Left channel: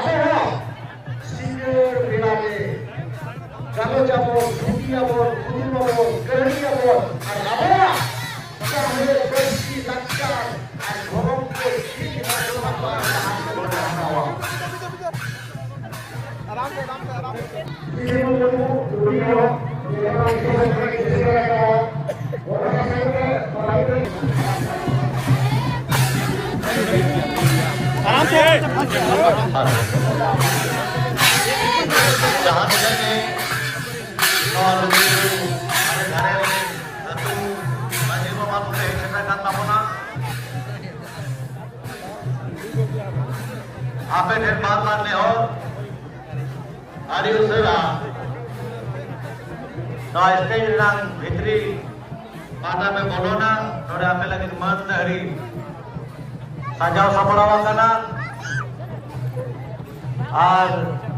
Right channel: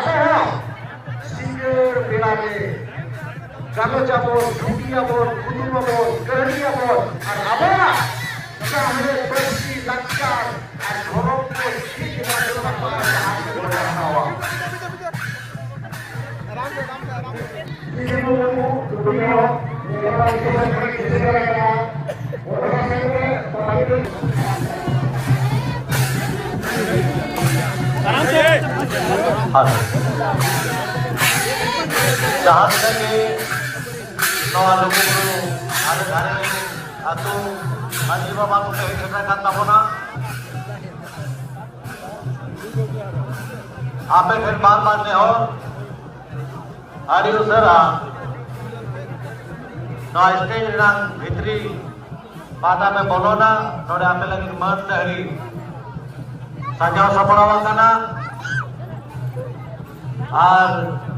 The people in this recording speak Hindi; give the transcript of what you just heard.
Ada singer bilare kalau jabon, dunia jabon, kudu jabon, kerja jabon, ada sambil bersih lancar, gorong bersih kita tuh apa yang bernawa. आपे फिर बात मानने और आदिल सर no स्टेज नang भितरी pada में बोलो ना थोड़े आपे लगे मत हरी साजाव सपड़ावा करना और